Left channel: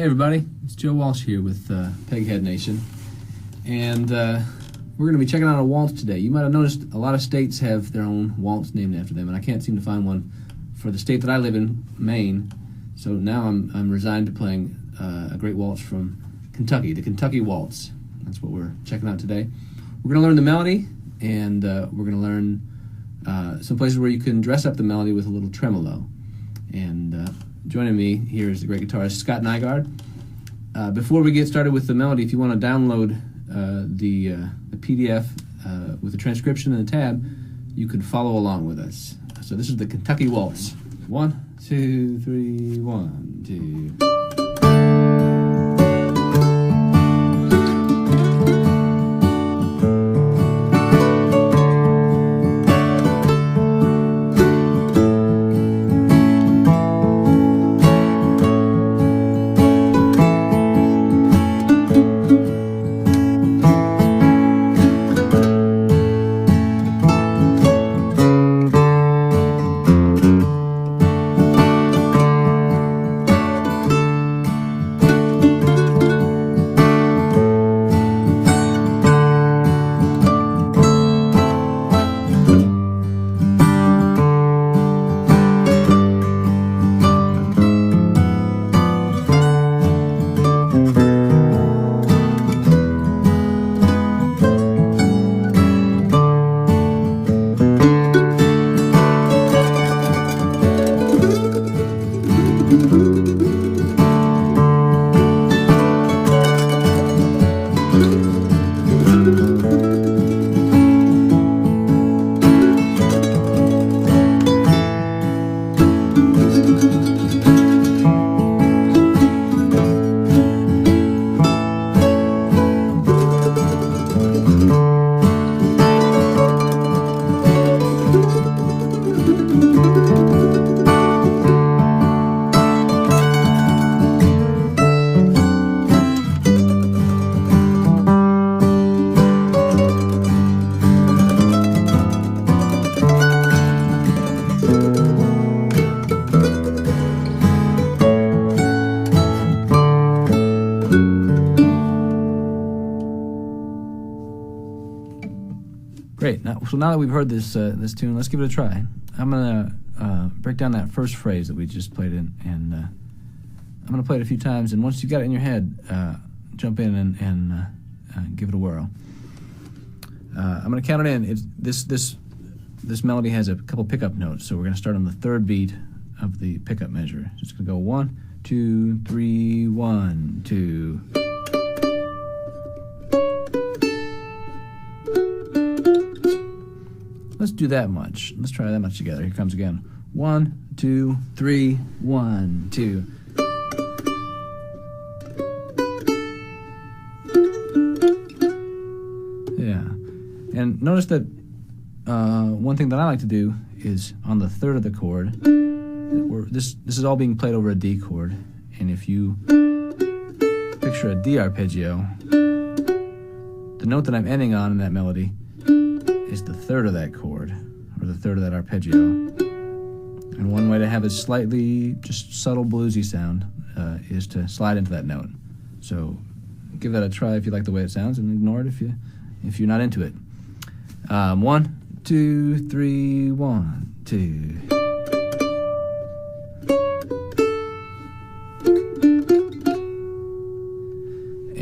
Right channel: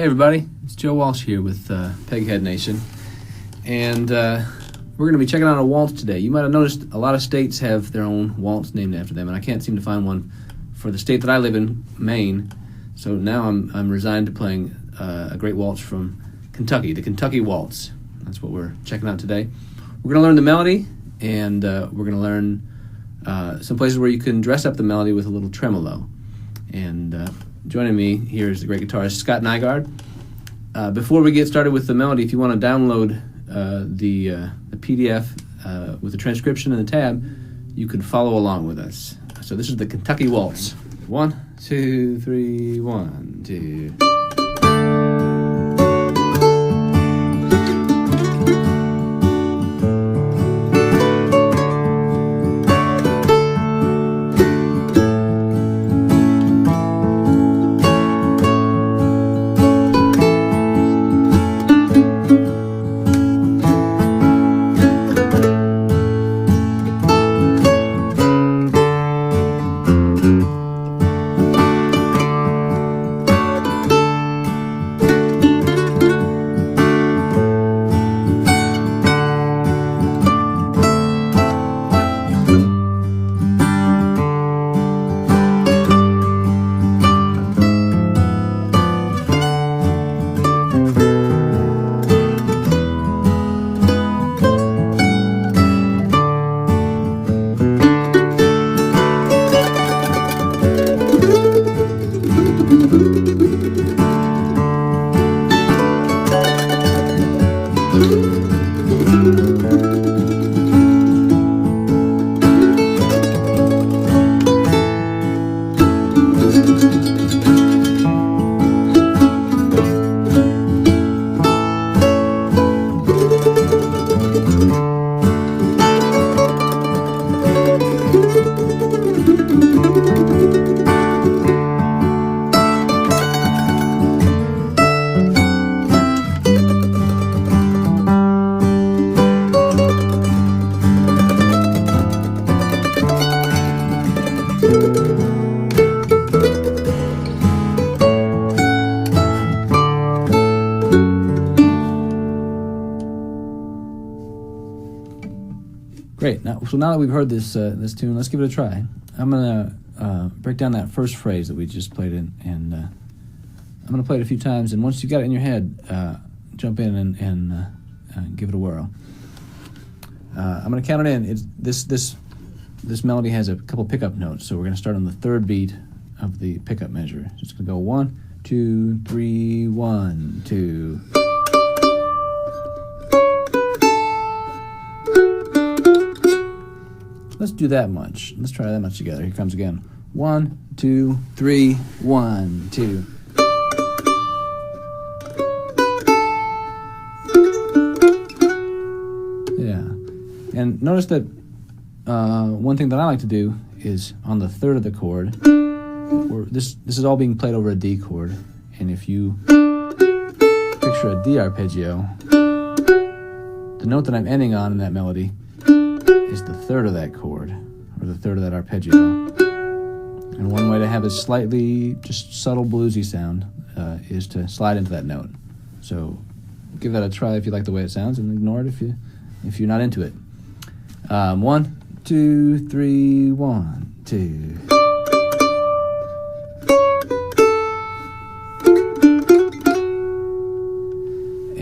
Hey everybody, it's Joe Walsh here with Peghead Nation, and we're going to be checking out a waltz today. You might have noticed a lot of states have their own waltz named after them, and I can't seem to find one for the state that I live in, Maine. So now I'm resigned to playing a great waltz from Kentucky, the Kentucky Waltz. That's what we're checking out today. We're going to learn the melody, and we're going to learn some places where you can dress up the melody with a little tremolo. And joining me here is the great guitarist Scott Nygaard. Before we get started with the melody, if you want to download the PDF with the transcription and the tab, you can follow along with us. So this is the Kentucky Waltz. 1, 2, 3, 1, 2. Great. So now that we've heard this tune, let's give it a try. I'm going to break down that first phrase that we just played in, and I'm going to play it a few times, and once you've got it in your head, jump in and give it a whirl. I'm going to count it in. This melody has a couple pickup notes, so we're going to start on the third beat of the pickup measure. Just going to go 1, 2, 3, 1, 2. Let's do that much. Let's try that much together. Here comes again. 1, 2, 3, 1, 2. Yeah. And notice that one thing that I like to do is on the third of the chord, this is all being played over a D chord. And if you picture a D arpeggio, the note that I'm ending on in that melody is the third of that chord, or the third of that arpeggio. And one way to have a slightly, just subtle bluesy sound is to slide into that note. So give that a try if you like the way it sounds, and ignore it if you're not into it. 1, 2, 3, 1, 2.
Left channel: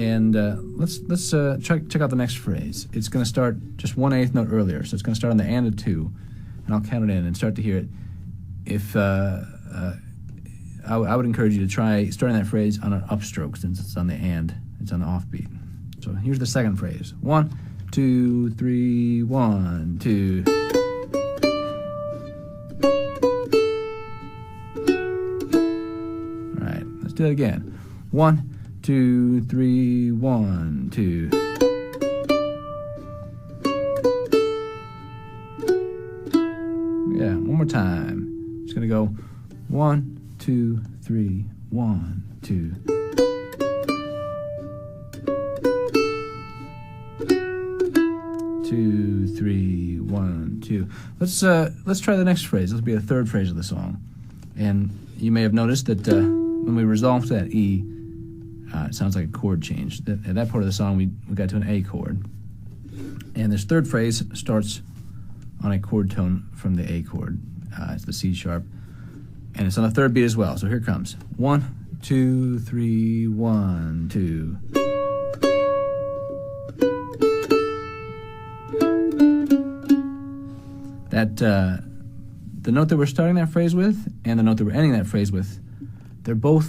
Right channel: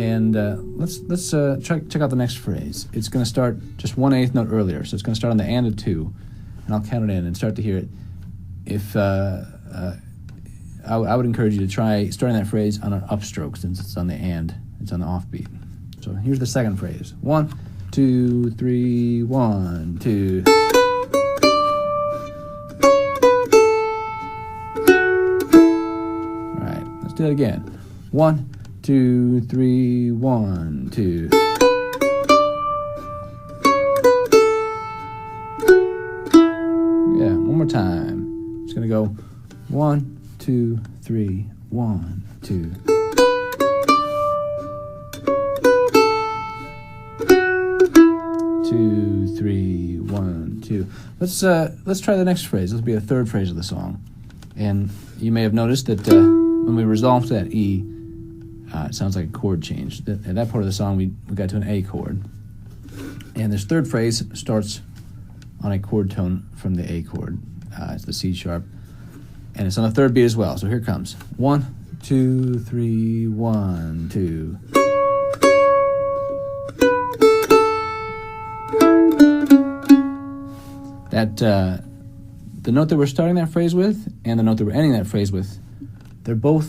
And let's check out the next phrase. It's going to start just 1/8 note earlier, so it's going to start on the and of 2, and I'll count it in and start to hear it. If I would encourage you to try starting that phrase on an upstroke, since it's on the and, it's on the offbeat. So here's the second phrase. 1, 2, 3, 1, 2. All right, let's do it again. 1, 2, 3, 1, 2. Yeah, one more time. Just gonna go 1, 2, 3, 1, 2. Two, 3, 1, 2. Let's try the next phrase. This will be the third phrase of the song. And you may have noticed that when we resolve that E, it sounds like a chord change. In that part of the song, we got to an A chord. And this third phrase starts on a chord tone from the A chord. It's the C sharp. And it's on the third beat as well. So here it comes. 1, 2, 3, 1, 2. The note that we're starting that phrase with and the note that we're ending that phrase with, they're both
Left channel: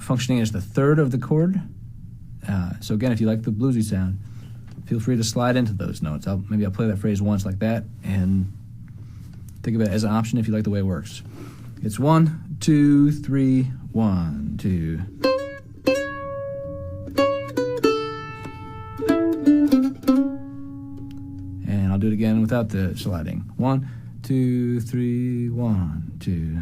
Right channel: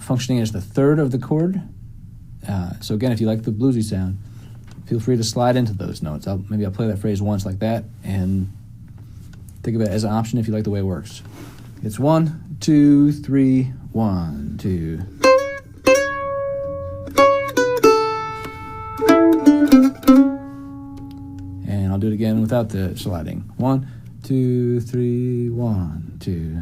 functioning as the third of the chord. So again, if you like the bluesy sound, feel free to slide into those notes. Maybe I'll play that phrase once like that, and think of it as an option if you like the way it works. It's 1, 2, 3, 1, 2. And I'll do it again without the sliding. 1, 2, 3, 1, 2.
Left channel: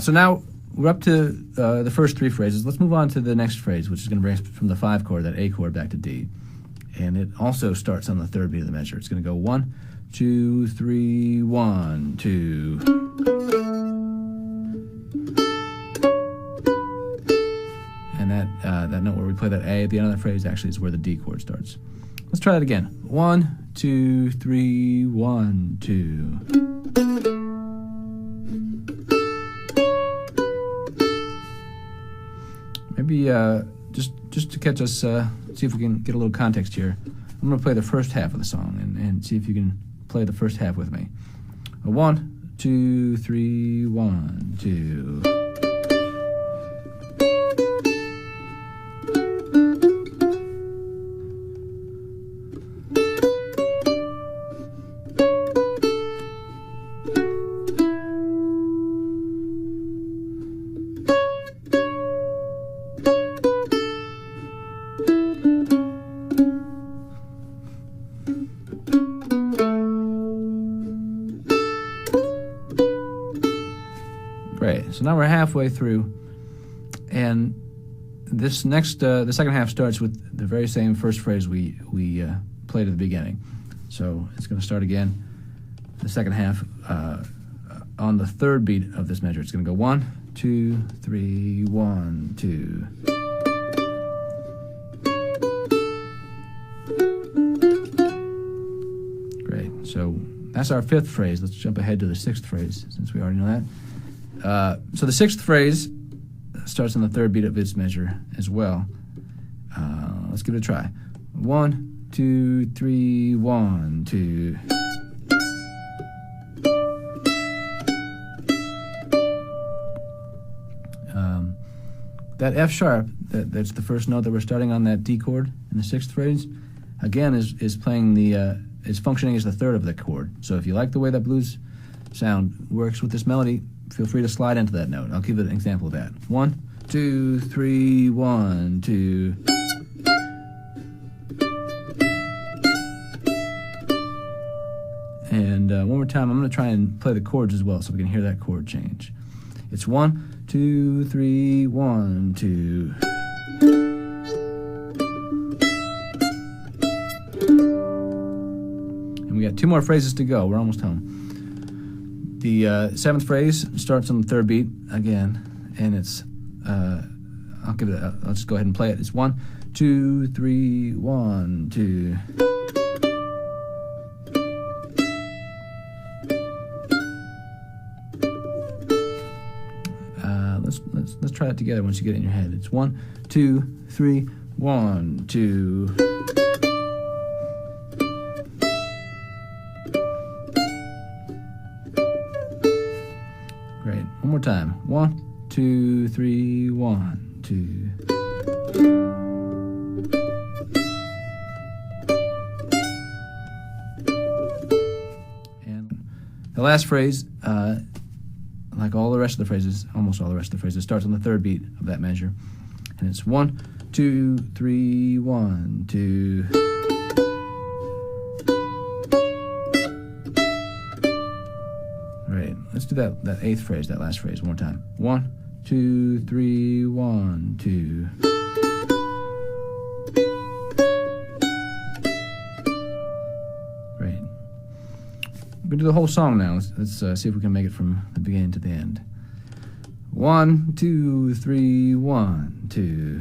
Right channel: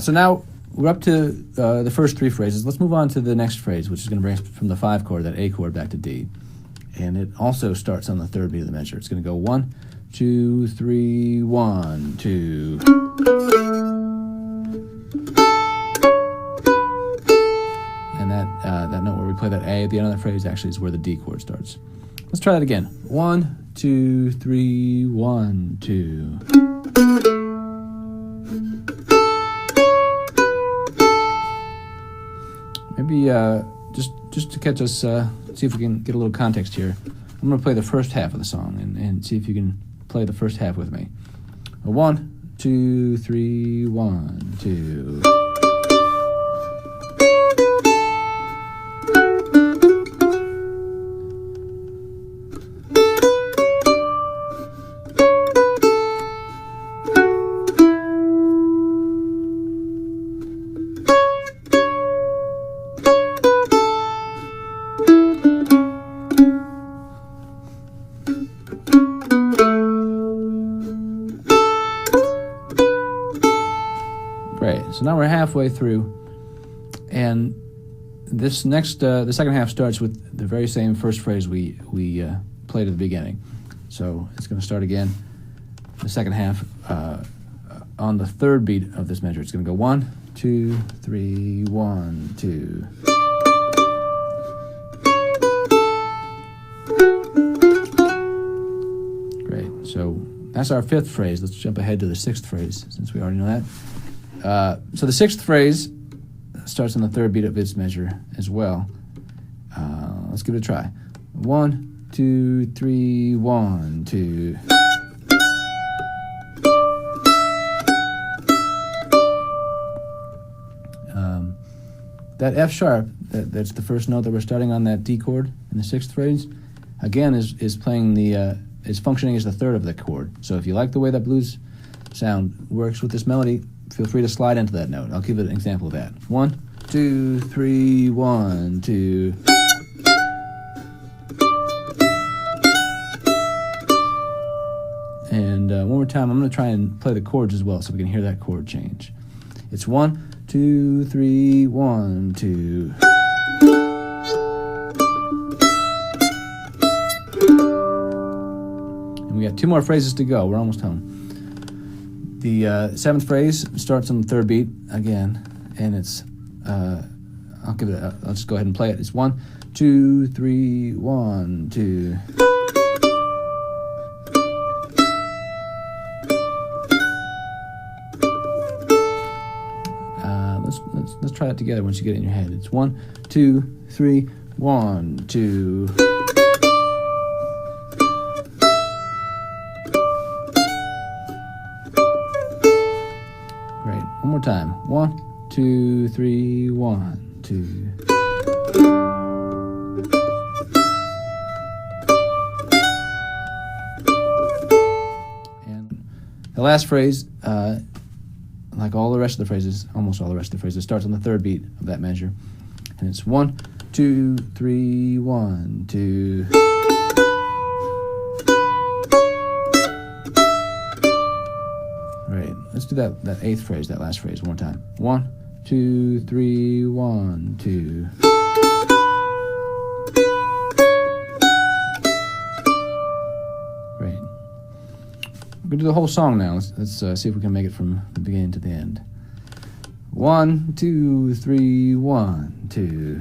So now we're up to the first three phrases. Let's move on to the next phrase, which is going to bring us from the 5 chord, that A chord, back to D. And it also starts on the third beat of the measure. It's going to go 1, 2, 3, 1, 2. And that note where we play that A at the end of the phrase actually is where the D chord starts. Let's try that again. 1, 2, 3, 1, 2. Maybe just to catch us, see if we can get a little context here. I'm going to play the first half of the song and see if you can play the first half with me. 1, 2, 3, 1, 2. So now we're halfway through, and this next, the second half starts with the very same first phrase we played at the beginning. So it's going to start again, the second half, on the third beat of this measure. It's going to go 1, 2, 3, 1, 2. Great, so that's our fifth phrase. Let's jump ahead to the sixth phrase, since we already know that. So the sixth phrase starts on the third beat of its measure as well. Let's give it a try. 1, 2, 3, 1, 2. That F sharp, that's the first note that we're starting on that D chord in the sixth phrase, again is playing is functioning as the third of the chord. So if you like the way that blues sound works with this melody, feel free to slide into that note. I'll give an example of that. 1, 2, 3, 1, 2. And one more time, I'm going to try and play the chords as well so we can hear that chord change. It's 1, 2, 3, 1, 2. And we got 2 more phrases to go. We're almost home. The seventh phrase starts on the third beat again, and it's I'll just go ahead and play it. It's 1, 2, 3, 1, 2. Let's try it together once you get it in your head. It's 1, 2, 3, 1, 2. Great. One more time. 1, 2, 3, 1, 2. And the last phrase, like all the rest of the phrases, almost all the rest of the phrases, starts on the third beat of that measure. And it's 1, 2, 3, 1, 2. Right, let's do that eighth phrase, that last phrase, one more time. 1, 2, 3, 1, 2. Great. We're gonna do the whole song now. Let's see if we can make it from the beginning to the end. 1, 2, 3, 1, 2.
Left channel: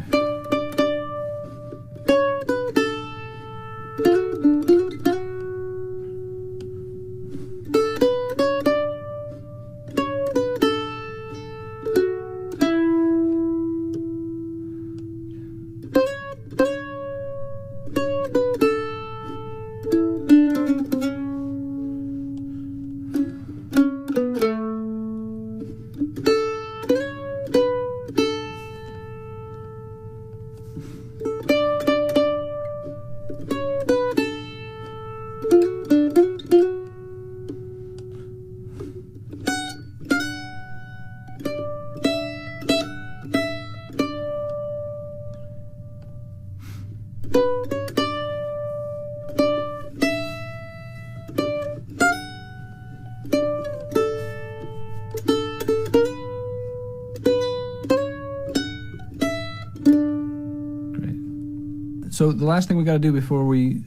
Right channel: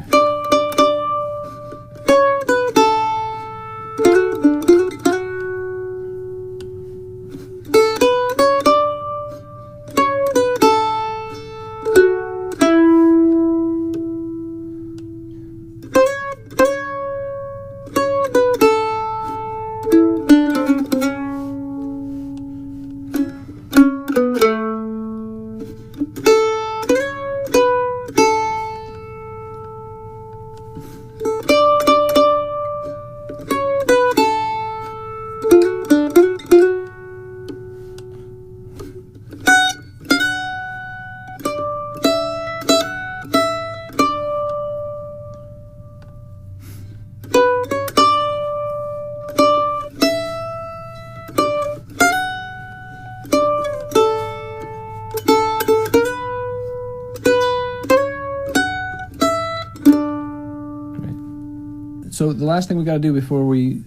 So the last thing we got to do before we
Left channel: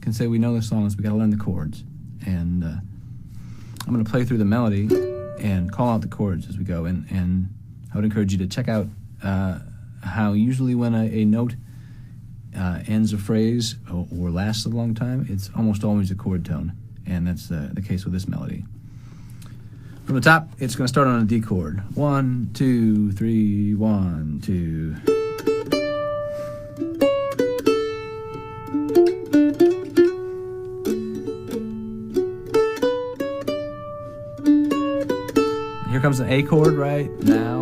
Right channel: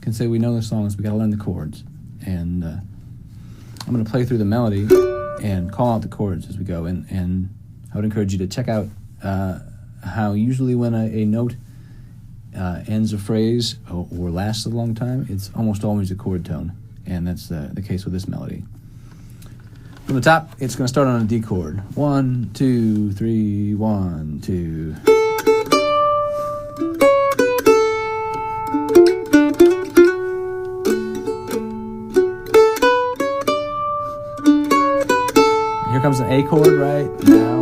can say we know the song is we got to learn the chords. And I'm going to play through the melody and call out the chords as we go. And I would encourage you to check out how usually when a note ends a phrase or lasts a long time, it's almost always a chord tone. And that's the case with this melody. From the top, it's going to start on a D chord. 1, 2, 3, 1, 2. Here comes an A chord right now.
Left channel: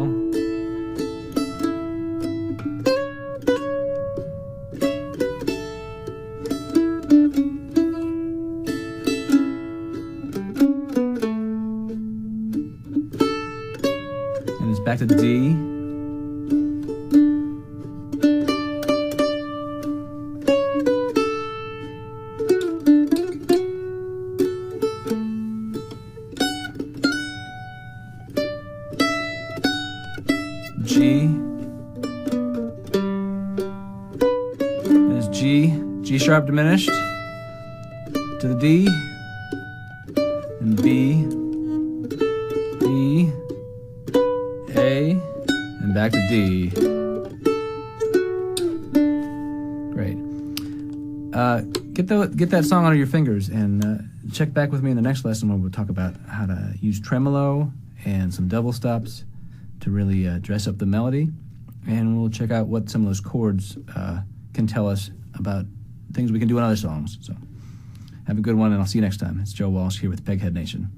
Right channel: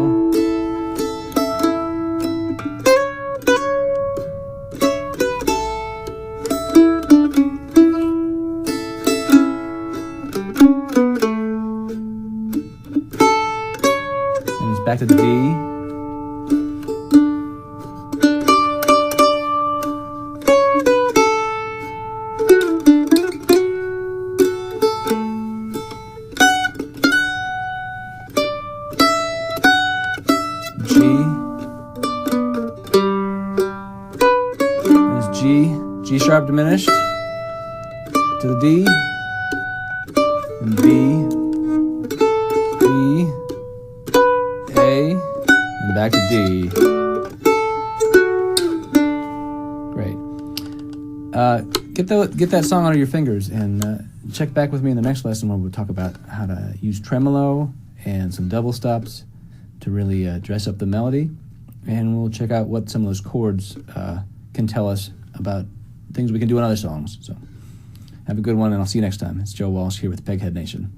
And it's back to the D. G, there's G sharp diminished, to the D, and B, E, A, and back to D. Great. Get that song out of your fingers and check back with me in the next lesson where we'll talk about how to use tremolo and some double stops to really dress up the melody, and we'll check out what some of those chords can tell us about things we can do in other songs. So have a good one, and I'll see you next time. It's Joe Walsh here with Peghead Nation.